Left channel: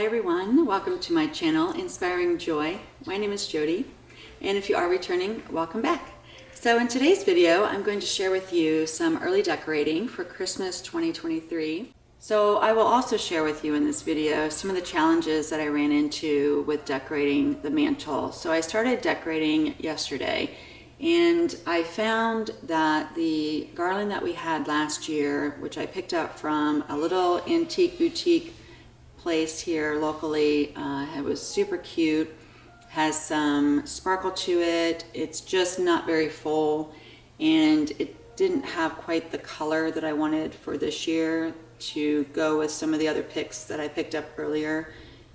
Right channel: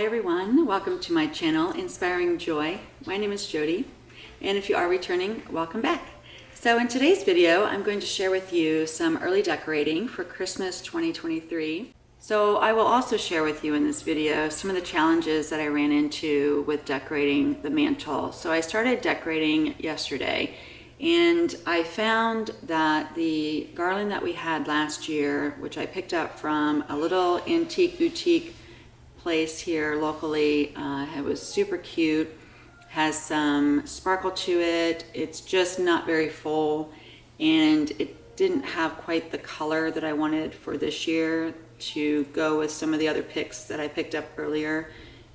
Hi everyone, welcome to my channel, Inspiring Joy. My name is Jodi, and if you are returning, welcome back. So in today's video, I'm going to share with you some early decorating for Christmas 2023. So I will also share with you in this video some of the challenges that I ran into with decorating the mantle. So I started decorating yesterday, and I found that the garland that we had last year, which I picked up from a little antique boutique place here locally, it was super cute, has some sparkle to it. It's just not very full, and it didn't have quite the color that I wanted for this year to go with some of the other picks that I picked up earlier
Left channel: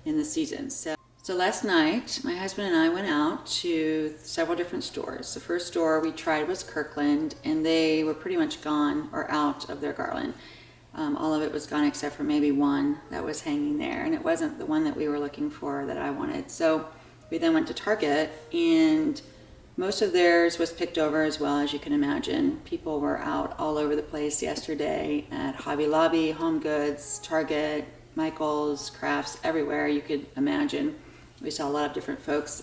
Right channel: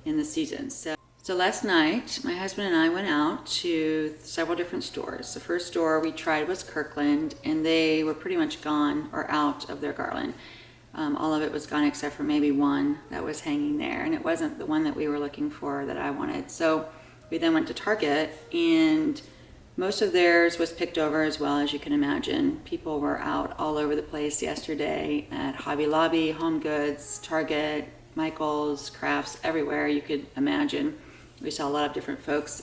in the season. So last night, my husband and I went out to several different stores. The first store we tried was Kirkland, and they were pretty much gone or out of their garland. All of it was gone except for maybe one that was hanging there, and it wasn't the one that we were looking for that I wanted. So we then went to Target, and most of theirs was picked over as well, as you can imagine. People were out all over the place yesterday at Hobby Lobb, Home Goods, Target, Michael's, Crafts, everywhere you could imagine. We saw a lot of different folks,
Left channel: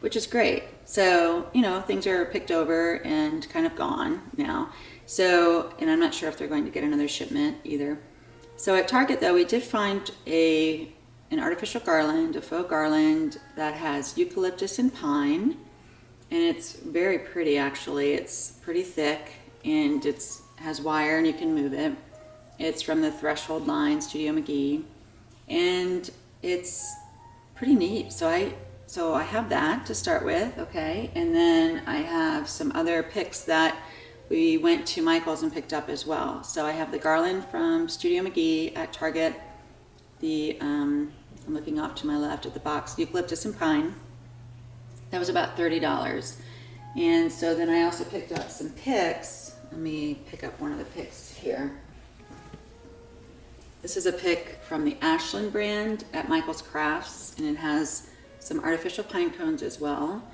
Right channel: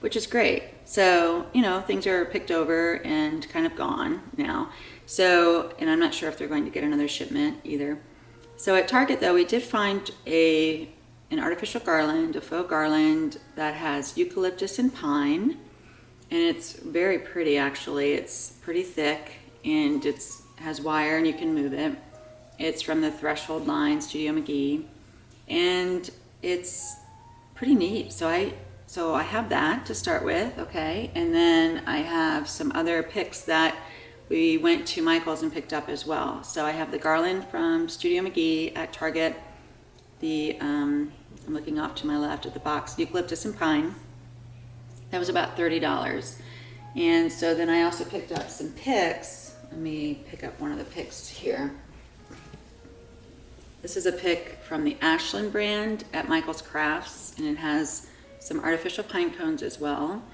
which is great. So, you know, things are picked over and kind of gone now. So, and I'm not sure if they're going to get another shipment either. So at Target though, we did find an artificial garland, a faux garland that has eucalyptus and pine. And it's very pretty actually. It's pretty thick, and it has wire and you can move it. It's from the Threshold line, Studio McGee. And it's pretty neat. So I have that to start with, okay? And then I have some other picks that we went to Michael's and picked up as well. So I have the garland from Studio McGee at Target. I'm looking off to my left at the box, eucalyptus and pine. That was about $30. And so then I also picked up some picks. Let me pick up one of the picks here. This is a pick from the Ashland brand at Michael's Crafts, and it has some artificial pine cones as well.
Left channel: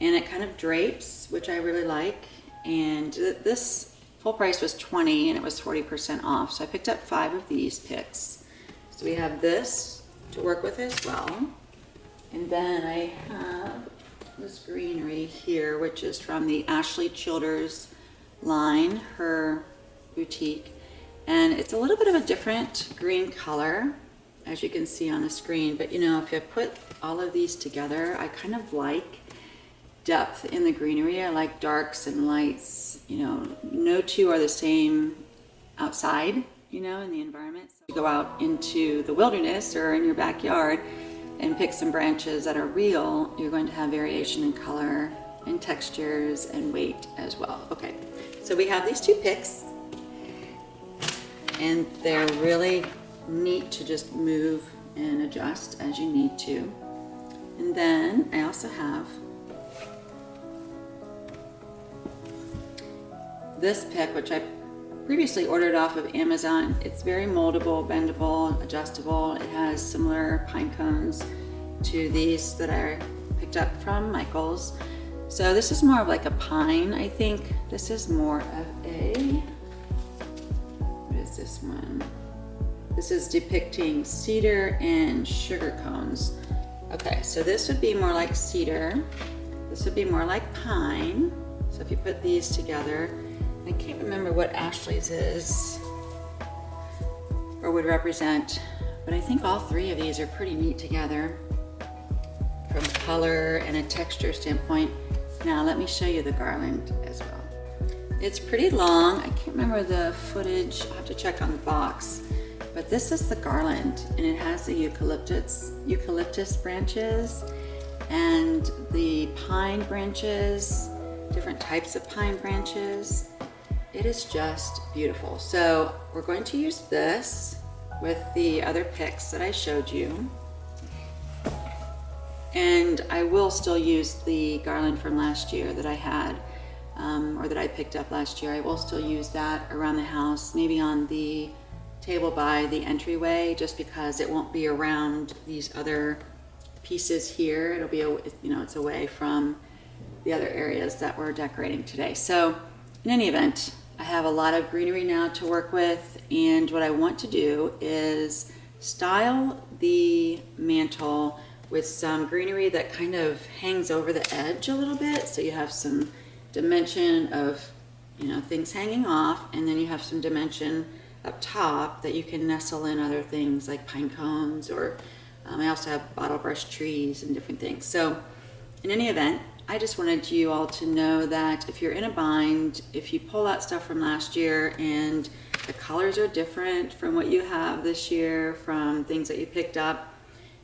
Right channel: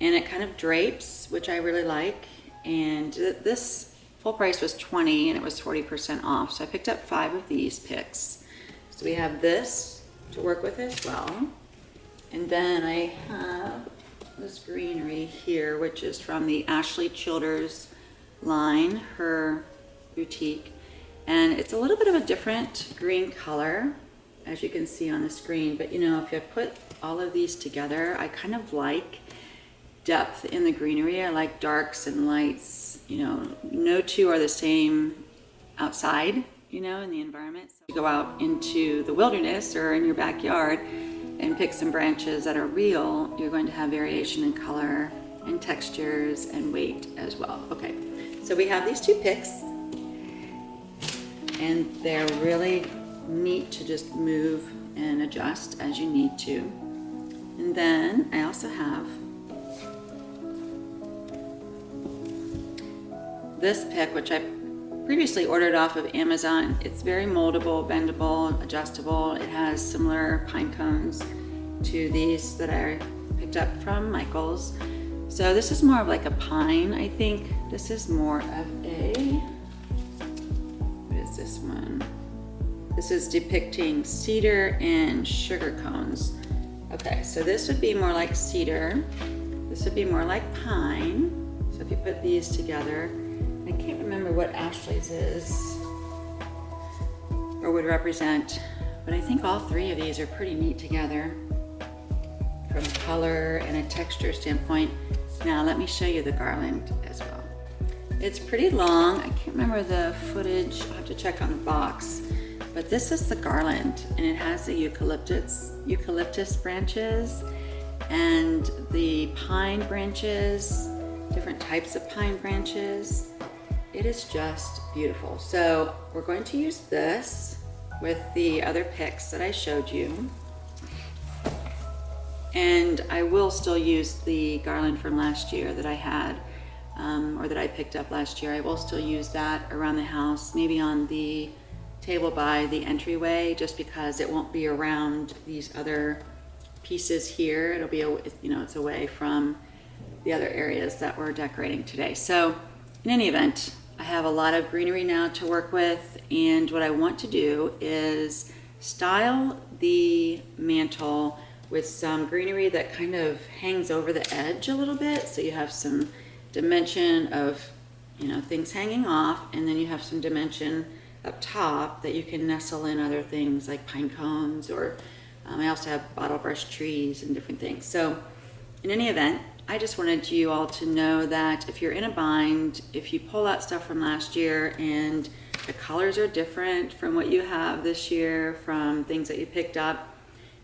And it kind of drapes, which I really like. And this full price was $20 and it was 40% off. So I picked up 5 of these picks. So we have this to work with as well. And then I have this greenery here, which is from the Ashley Childers line, her boutique. And it's a little bit of a different green color, as you can see on the screen. But you know, if you put all of these together, I kind of like depth in the greenery. I like darks and lights. You know, no two are the same outside, you know, in the environment. So you go out into the wilderness or in your backyard and pick some branches that are real, you're going to have variation in color and textures and weight as well. Okay, so we have these 2 picks, and they're really neat to just move and adjust as you need to. And then I also have this pick, which I previously ordered off of Amazon. It's very moldable, bendable, adjustable. It has similar pine cones to these that I picked up from Michael's. So this is more of like a pine, I think. This is more of what is this one? This is depicting cedar and sugar cones. Okay, so this would be more like cedar. This would be more like pine. So if you put these together, I can't remember what Ashley's is or would represent, but I think all 3 of these are pretty neat together from a color and a texture standpoint. Now let me show you the garland as well. It's pretty long. I can't remember the footage. I'll have to check on the box. But this is the garland, and it has the eucalyptus branches and the pine branches, different types of pine branches. It is just beautiful. So we're going to use this with the other picks that I showed you. And I will still use the garland from last year that I had, or that I picked up last year. I will still use that around the house, maybe on the table by the entryway, just because it won't be around these other pieces here. It'll be, you know, it's away from the other areas that we're decorating today. So in any event, I have a lot of greenery now to work with, and what I want to do is style the mantle with some greenery that kind of hangs over the edge a little bit, so you have some dimension of, you know, things hanging off, and then you have some dimension up top that you can nestle in other things like pine cones, or I also have bottle brush trees and different things. So in any event, I just wanted you all to know that if you're in a bind, if you pull out stuff from last year and the colors are different from what you have this year, from things that you picked up,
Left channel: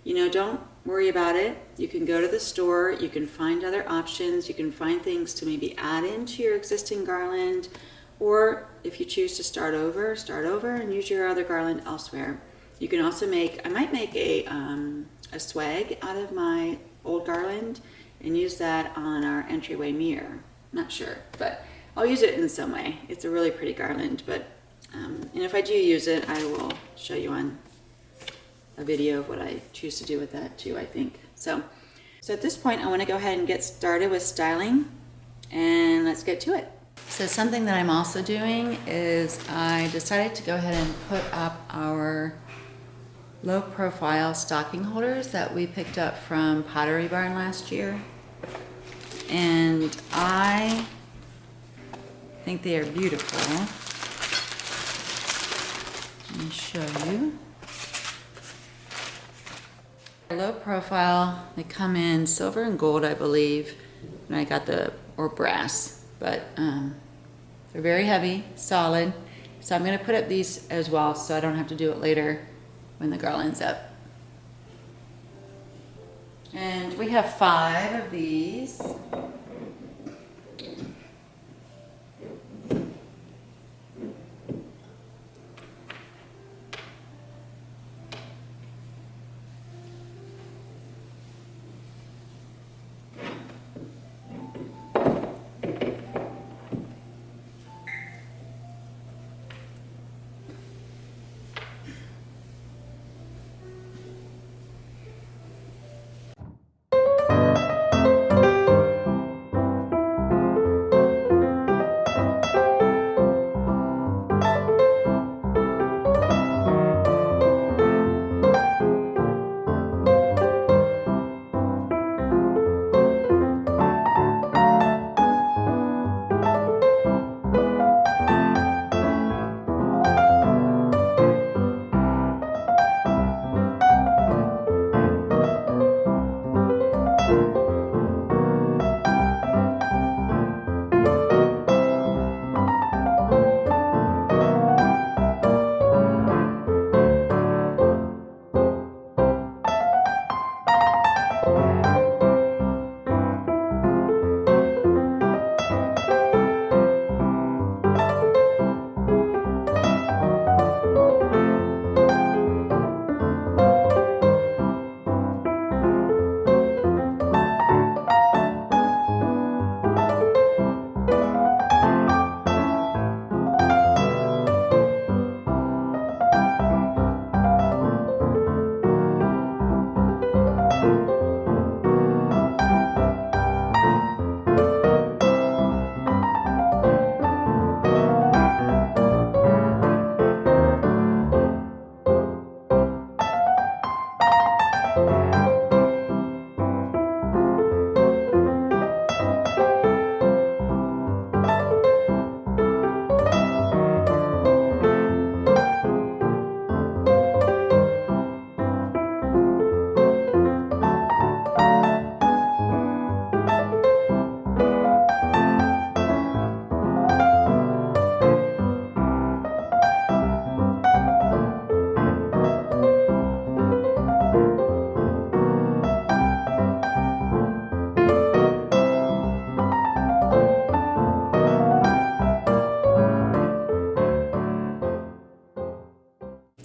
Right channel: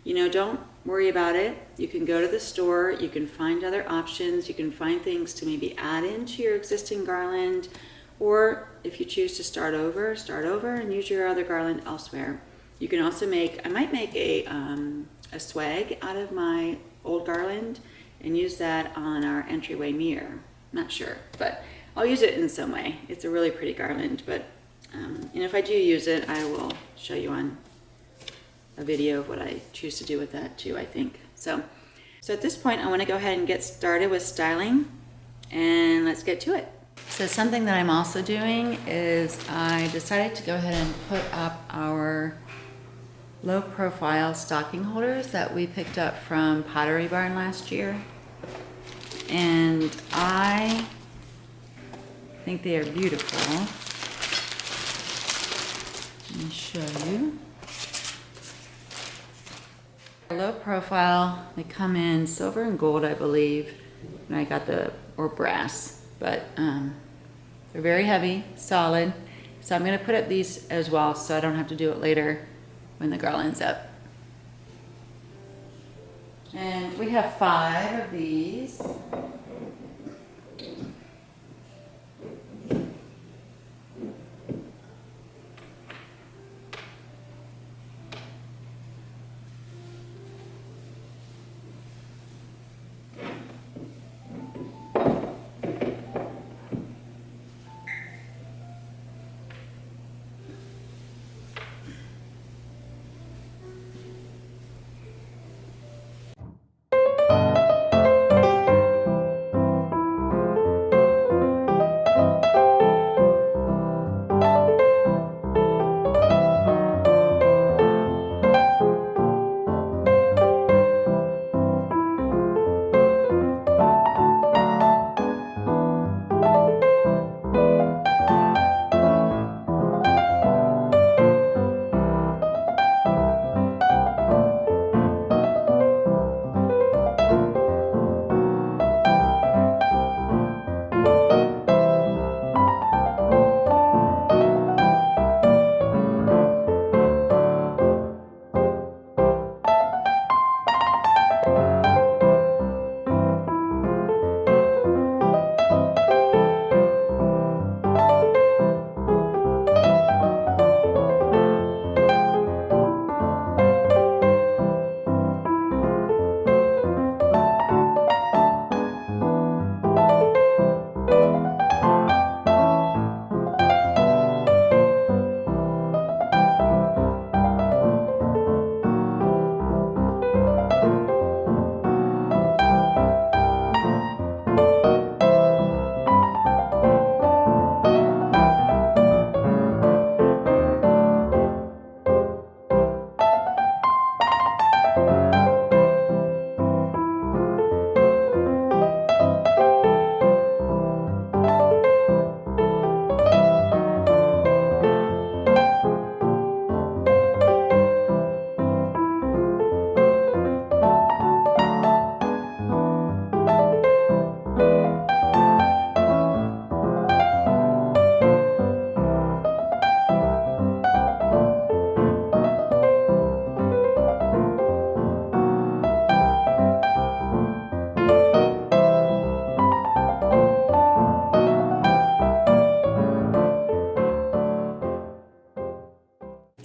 you know, don't worry about it. You can go to the store, you can find other options, you can find things to maybe add into your existing garland, or if you choose to start over and use your other garland elsewhere. You can also make, I might make a swag out of my old garland and use that on our entryway mirror. Not sure, but I'll use it in some way. It's a really pretty garland, but and if I do use it, I will show you on a video of what I choose to do with that too, I think. So at this point, I want to go ahead and get started with styling, and let's get to it. So something that I'm also doing is I decided to go ahead and put up our low profile stocking holders that we picked up from Pottery Barn last year. And I think they are beautiful. Let me show you. Low profile, they come in silver and gold, I believe. And I got or brass. But they're very heavy, solid. So I'm going to put up these as well, so I don't have to do it later when the garland's up. And we have 5 of these.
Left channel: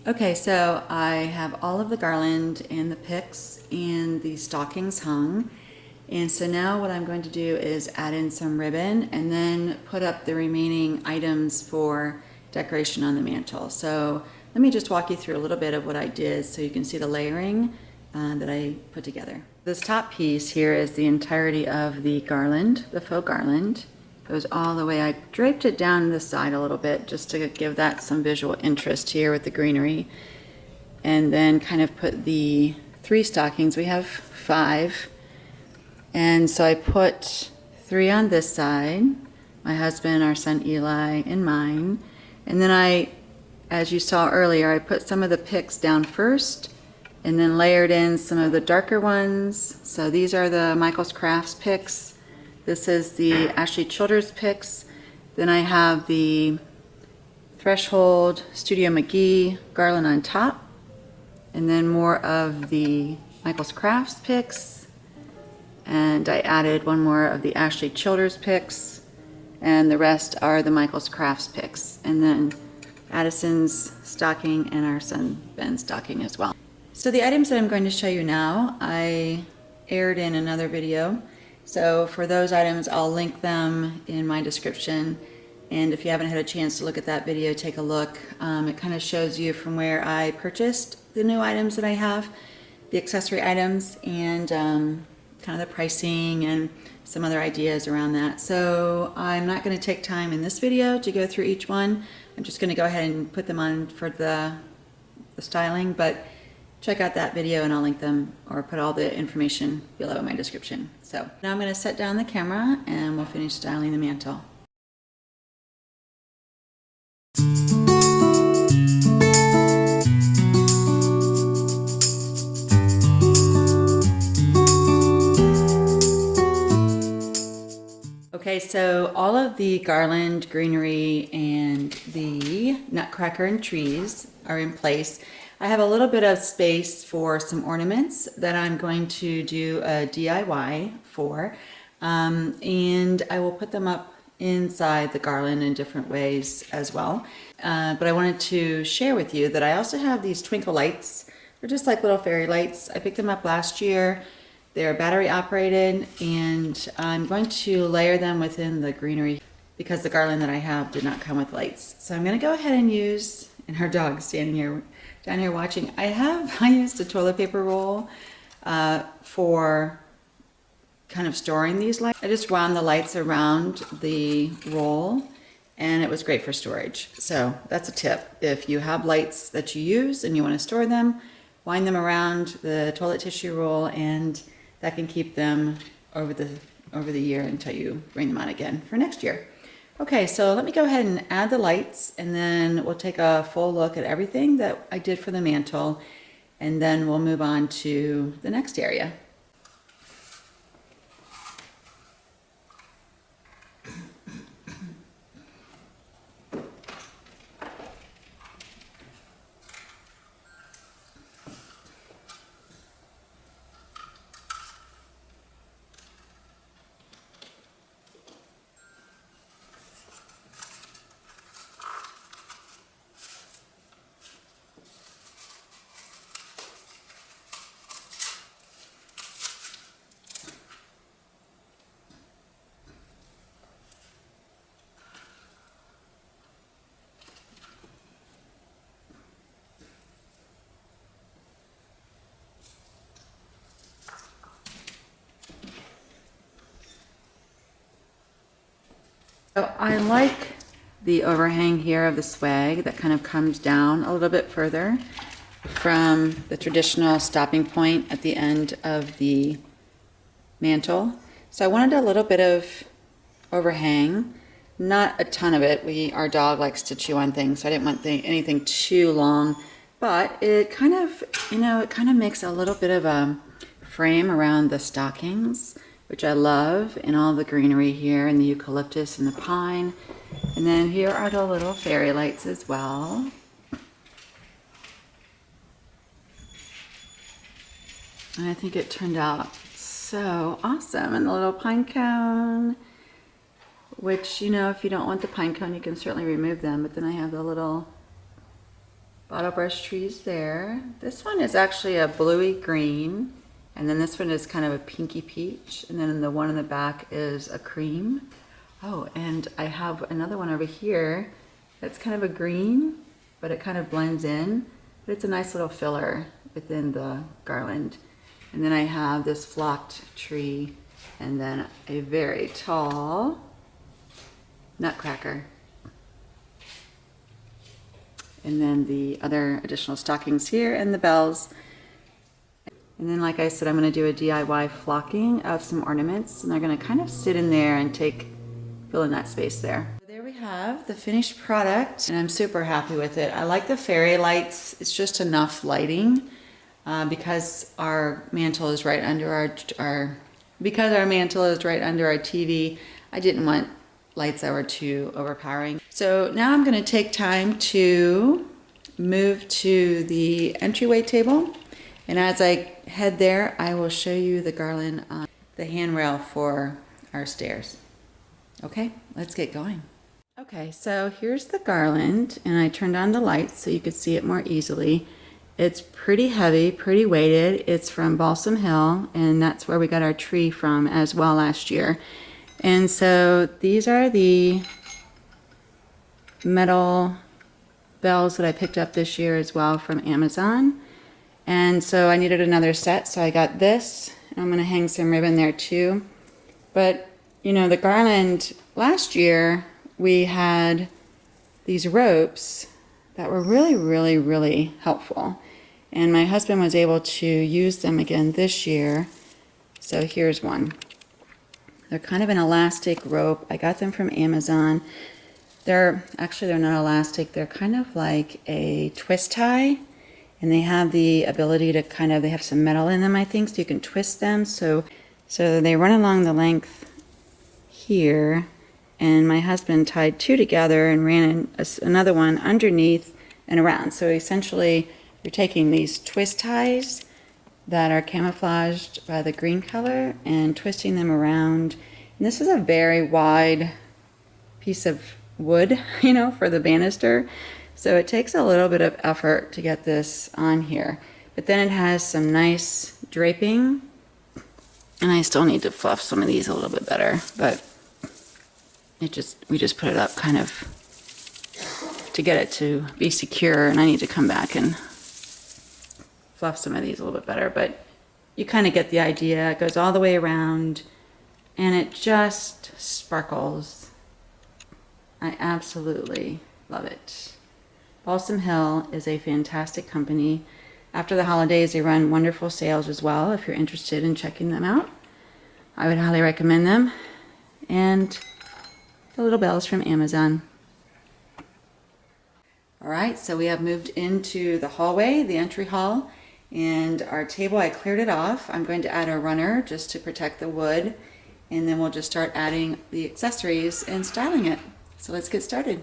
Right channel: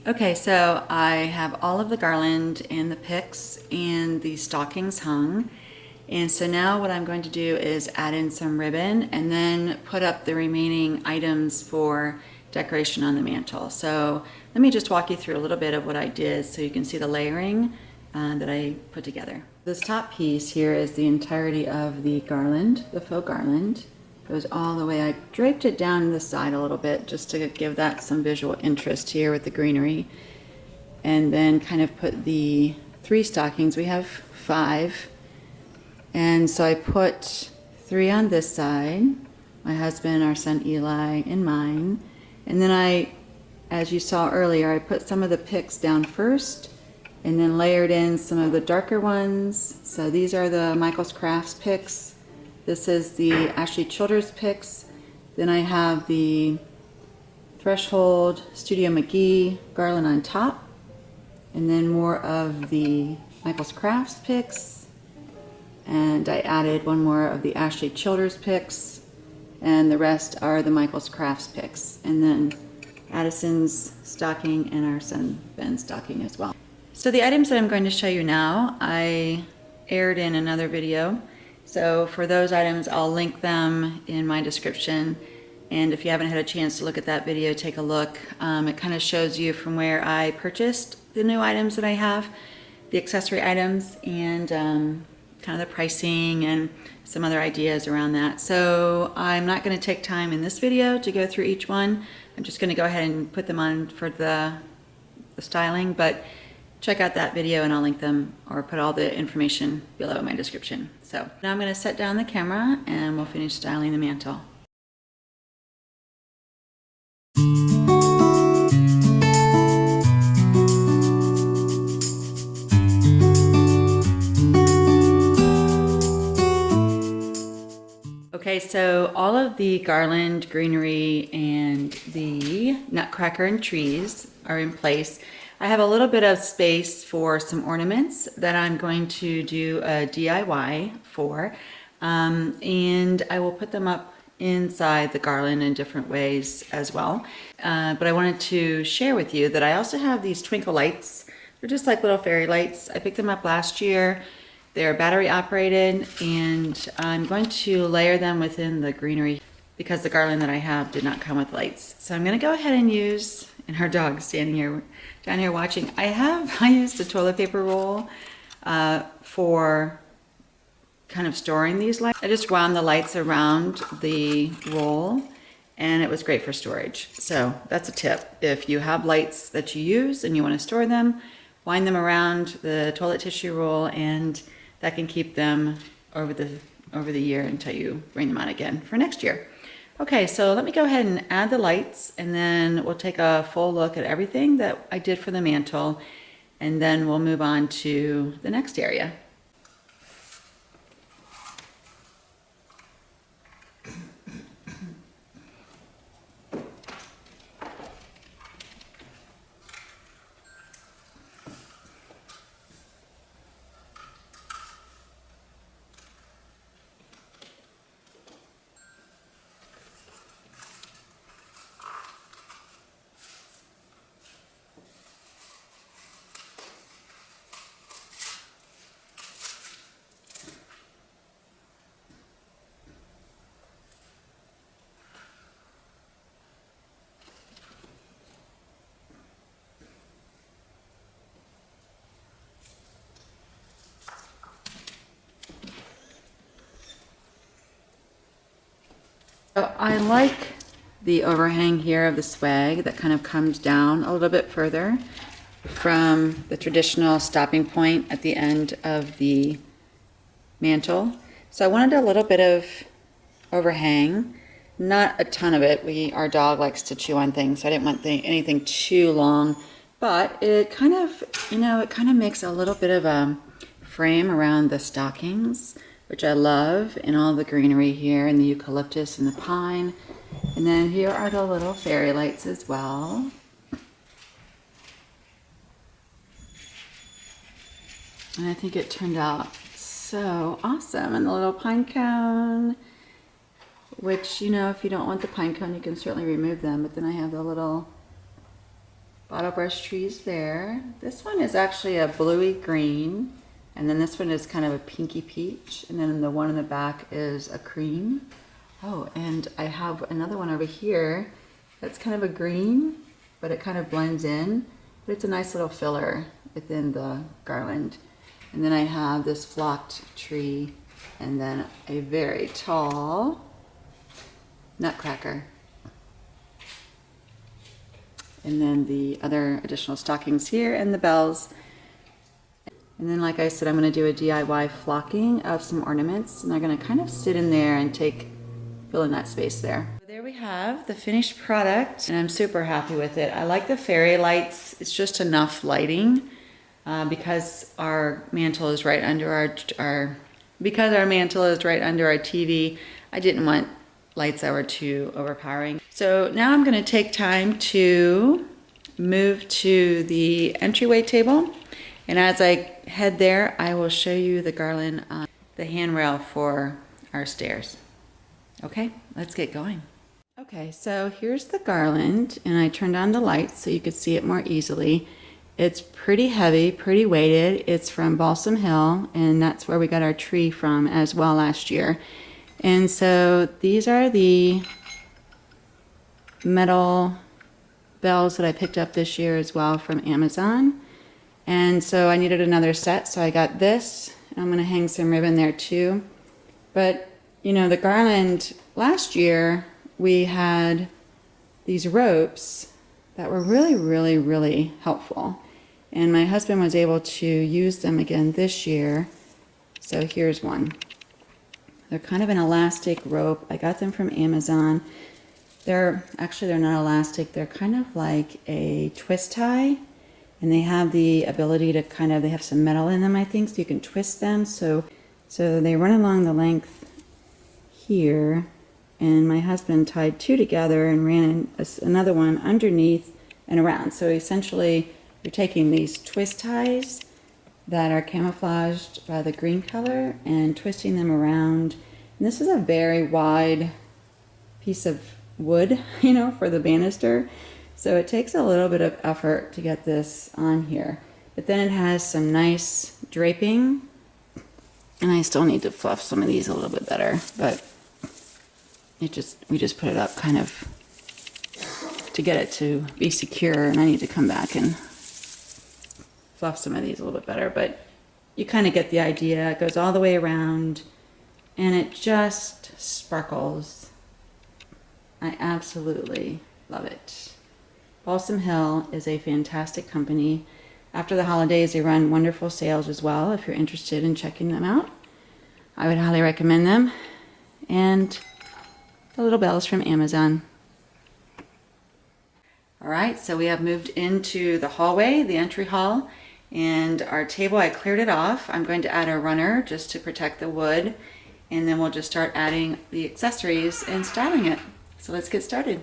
Okay, so I have all of the garland and the picks and the stockings hung. And so now what I'm going to do is add in some ribbon and then put up the remaining items for decoration on the mantle. So let me just walk you through a little bit of what I did so you can see the layering that I put together. This top piece here is the entirety of the garland, the faux garland. Goes all the way. I draped it down this side a little bit just to give that some visual interest here with the greenery, and then kind of put the 3 stockings. We have 5. And so I put 3 on this side, my husband, our son Eli, and mine. And then as you saw earlier, I put some of the picks down first and then layered in some of the darker ones. So these are the Michael's Crafts picks. This is the Ashley Childers picks. Then I have the Threshold Studio McGee garland on top. And then more of the Michael's Crafts picks. And I added one more of the Ashley Childers picks. And the rest are the Michael's Crafts picks. And then Addison's stocking and our son Ben's stocking as well. So the items that I'm going to show you now, I aired in another video. So for those items, I'll link them in my description. And if you haven't had a chance to look at that video, take a look. It kind of shows you from where I purchased the new items that I have, the accessory items, and kind of the pricing and some other ideas around that. So I'm not going to take time in this video to go through each one. I'm just going to go ahead and put them on for the styling, but check out that video and I'll link them or put all the information below in my description. So now I'm going to set down the camera and we'll finish styling the mantle. Okay, so all of the garland, greenery, and the nutcracker and trees are in place. I have a little bit of space for some ornaments that I'm going to do a DIY for, and I will put them up inside the garland in different ways as well. But I wanted to share with you that I also have these twinkle lights. They're just like little fairy lights. I picked them up last year. They're battery operated, and I'm going to layer them within the greenery because the garland that I have did not come with lights. So I'm going to go ahead and use, and our dog's standing here, down here watching. I used a toilet paper roll for kind of storing these lights. I just wound the lights around the roll, and it was great for storage. So that's a tip. If you have lights that you use and you want to store them, wind them around the toilet tissue roll, and that can keep them over the year until you bring them on again for next year. Okay, so let me go ahead and add the lights, and then we'll take a full look at everything that I did for the mantle, and then we'll move on to the next area. So I like the overhang here of the swag that kind of comes down a little bit further from the traditional stopping point at the end of the mantle. So I wanted a little bit of overhang, not a ton of it. Our dog likes to chew on things, so I didn't want anything too long, but it kind of, it kind of makes a little bit of a frame around the stockings, which I love, and all the greenery here, and the eucalyptus and the pine. And then here are the little fairy lights as well. And I think it turned out so awesome. And the little pine cone, which, if you don't want the pine cone, you can certainly remove them. But then I have the little bottle brush trees there. This one is actually a bluey green. And then this one is kind of a pinky peach. And then the one in the back is a cream. Oh, and I have another one over here that's kind of a green, but it kind of blends in. But it's a nice little filler within the garland. And then I have this flocked tree, and then a very tall nutcracker. And then the other additional stockings here, and the bells. And then, like I said, I'm going to do a DIY flocking of some ornaments. And they're going to kind of sit in there and fill in that space there. There we have the finished product, and I'm super happy with it. I like the fairy lights. It's just enough lighting because our mantle is right under our mantle is right under our TV. I didn't want lights that were too overpowering. So now I'm going to take time to move to the entryway table. And as I head there, I will show you the garland on the handrail for our stairs. Okay, let's get going. Okay, so here's the garland, and I turned on the lights so you can see it more easily. It's pretty heavy, pretty weighted. It's from Balsam Hill, and that's where we got our tree from as well last year. And so these are the metal bells that I picked up this year as well from Amazon. And so I needed another set, so I got this. I'm going to hang some ribbon there too. But, you know, the garland, last year we had these ropes that were really, really, really helpful. And my husband was able to use them again this year. So here's one. They're kind of an elastic rope. I got them from Amazon. They're not elastic. They're kind of like a twist tie. And they have the ability to they have some metal in them, I think, so you can twist them. So they run along the length here. And my husband tied two together and ran another one underneath and around. So essentially, you're taking these twist ties that are camouflaged by the green color and twisting them around. And this is a very wide piece of wood, you know, for the banister. So it takes a little bit of effort to get this on here. But then it has some nice draping. And I still need to fluff some of these a little bit better. But we just put it up kind of to get it to be secure. And I need to come back and fluff some of these a little bit better. But you kind of get the idea. It goes all the way around. And it just sparkles. I absolutely love it. Balsam Hill is a fantastic company. After the holidays, they run wonderful sales as well. If you're interested in checking them out, I would highly recommend them. And the little bells from Amazon. All right, so we have moved into the hallway, the entry hall, and our table, I cleared it off. I'm going to add a runner just to protect the wood, and then we'll just start adding the accessories and styling it. So let's get started.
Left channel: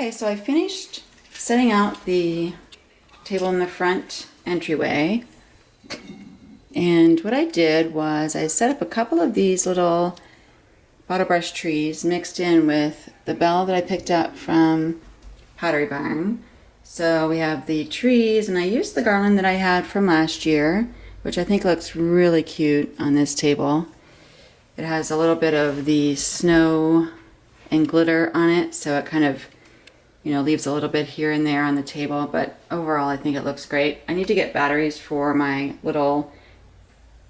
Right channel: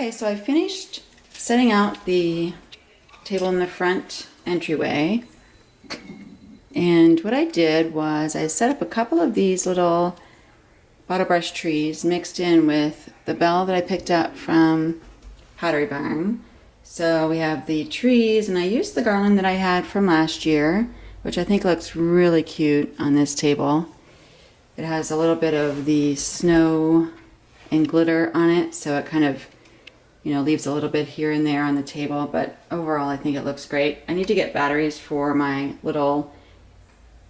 Okay, so I finished setting out the table in the front entryway. And what I did was I set up a couple of these little bottle brush trees mixed in with the bell that I picked up from Pottery Barn. So we have the trees, and I used the garland that I had from last year, which I think looks really cute on this table. It has a little bit of the snow and glitter on it, so it kind of, you know, leaves a little bit here and there on the table, but overall I think it looks great. I need to get batteries for my little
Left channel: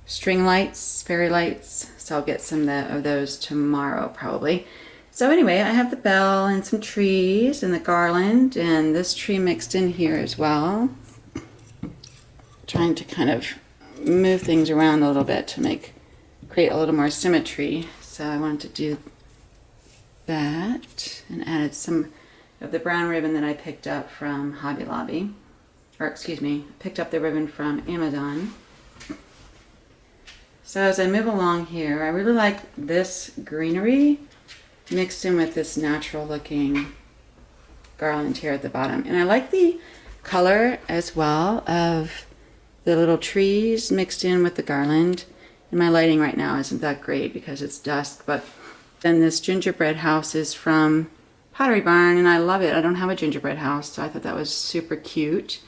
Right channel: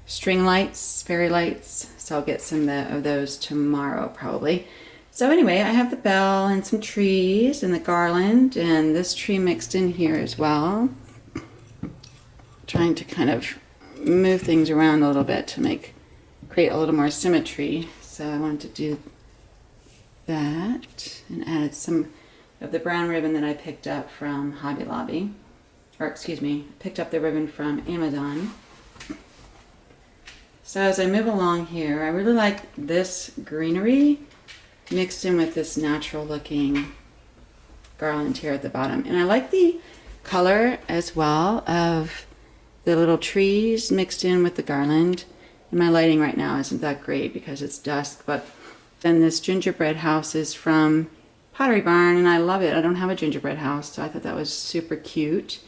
string lights, fairy lights, so I'll get some of those tomorrow probably. So anyway, I have the bell and some trees and the garland and this tree mixed in here as well. Trying to kind of move things around a little bit to create a little more symmetry. So I wanted to do that and added some of the brown ribbon that I picked up from Hobby Lobby. Or excuse me, picked up the ribbon from Amazon. So as I move along here, I really like this greenery mixed in with this natural looking garland here at the bottom. And I like the color as well of the little trees mixed in with the garland. And my lighting right now isn't that great because it's dusk, but then this gingerbread house is from Pottery Barn and I love it. I don't have a gingerbread house, so I thought that was super cute.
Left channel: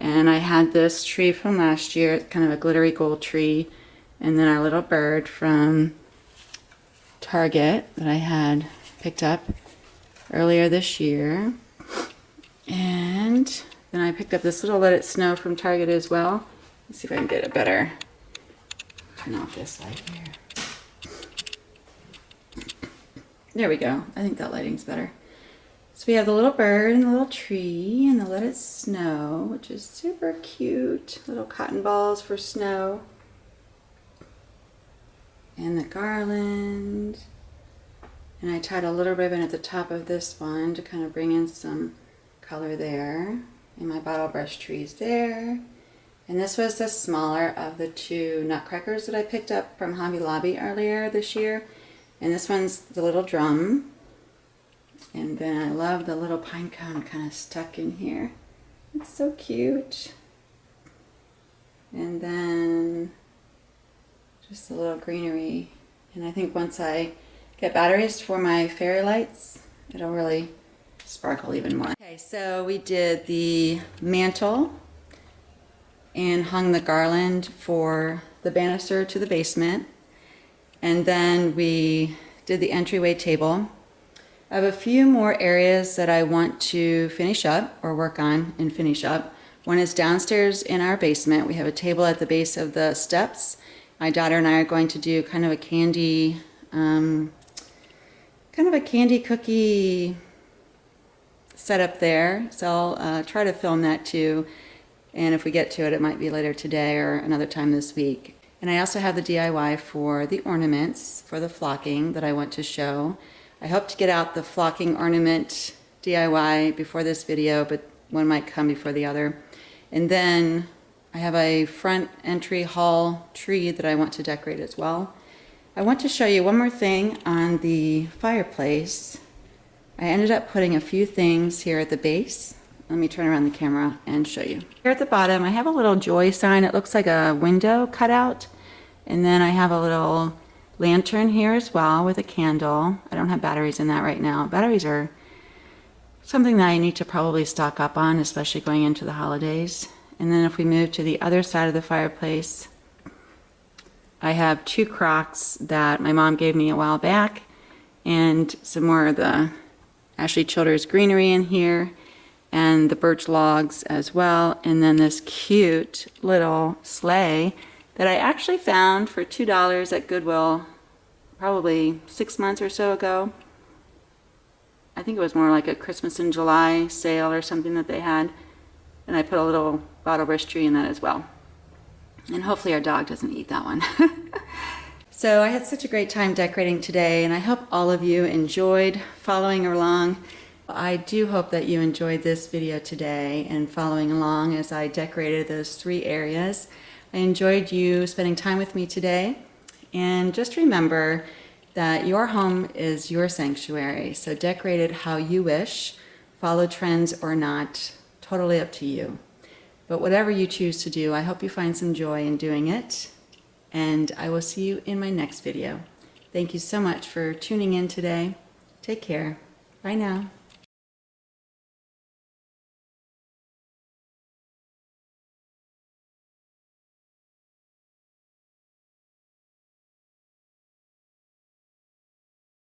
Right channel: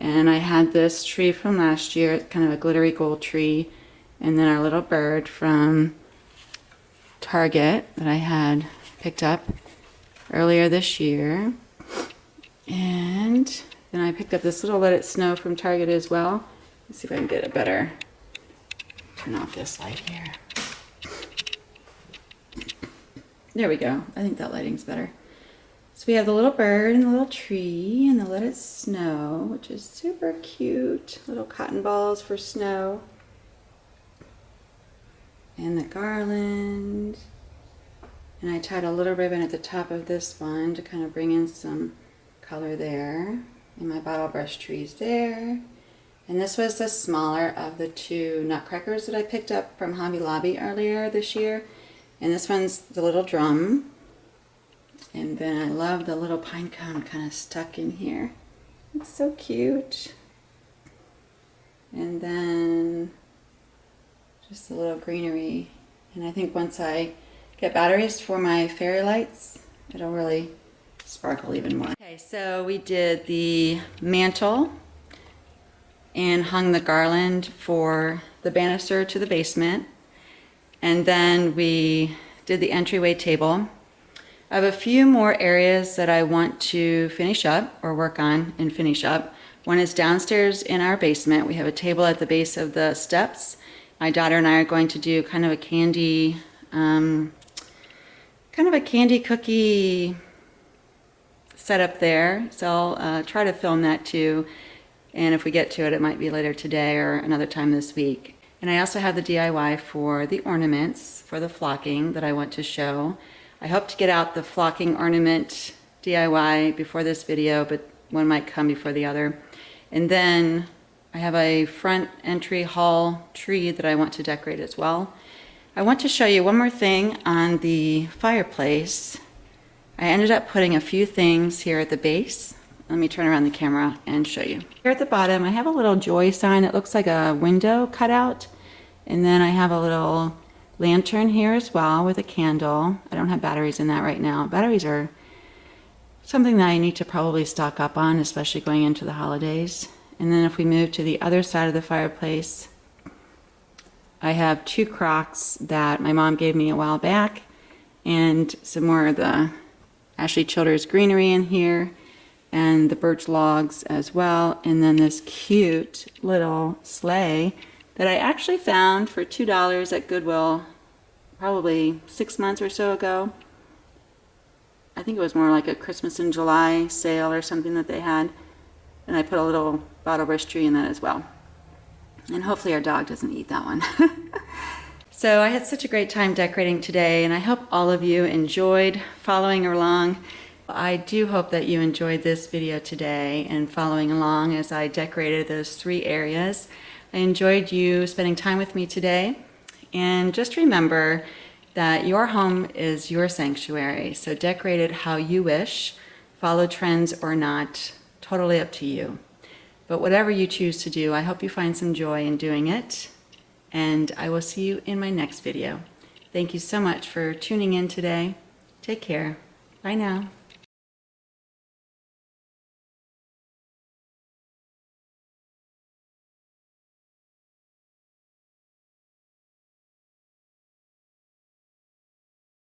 And I had this tree from last year, it's kind of a glittery gold tree. And then our little bird from Target that I had picked up earlier this year. And then I picked up this little Let It Snow from Target as well. Let's see if I can get it better. Turn off this light here. There we go. I think that lighting's better. So we have the little bird and the little tree and the Let It Snow, which is super cute. Little cotton balls for snow. And the garland. And I tied a little ribbon at the top of this one to kind of bring in some color there. And my bottle brush trees there. And this was the smaller of the two Nutcrackers that I picked up from Hobby Lobby earlier this year. And this one's the little drum. And then I love the little pine cone kind of stuck in here. It's so cute. And then just a little greenery. And I think once I get batteries for my fairy lights, it'll really sparkle even more. Okay, so we did the mantle and hung the garland for the banister to the basement. And then we did the entryway table. I have a few more areas that I want to finish up or work on and finish up. One is downstairs in our basement. We have a table at the base of the steps. My daughter and I are going to do kind of a candy cookie setup there. So I'll try to film that too. And if we get to it, it might be later today or another time this week. And I also have the DIY for the ornaments for the flocking that I want to show. I hope to get out the flocking ornament DIY before this video, but one might come before the other. And then I have a front entry hall tree that I want to decorate as well. I want to show you one more thing on the fireplace. I ended up putting a few things here at the base. Let me turn around the camera and show you. Here at the bottom, I have a little joy sign. It looks like a window cutout. And then I have a little lantern here as well with a candle. I don't have batteries in that right now. Batteries are something that I need to probably stock up on, especially going into the holidays. And then if we move to the other side of the fireplace, I have two Crocs that my mom gave me a while back, and some more of the Ashley Childers greenery in here, and the birch logs as well, and then this cute little sleigh that I actually found for $2 at Goodwill probably 6 months or so ago. I think it was more like a Christmas in July sale or something that they had. And I put a little bottle brush tree in that as well. And hopefully our dog doesn't eat that one. So I had such a great time decorating today, and I hope all of you enjoyed following along. I do hope that you enjoyed this video today and following along as I decorated those 3 areas. I enjoyed you spending time with me today. And just remember that your home is your sanctuary. So decorate it how you wish, follow trends or not, totally up to you. But whatever you choose to do, I hope you find some joy in doing it. And I will see you in my next video. Thank you so much for tuning in today. Take care. Bye now.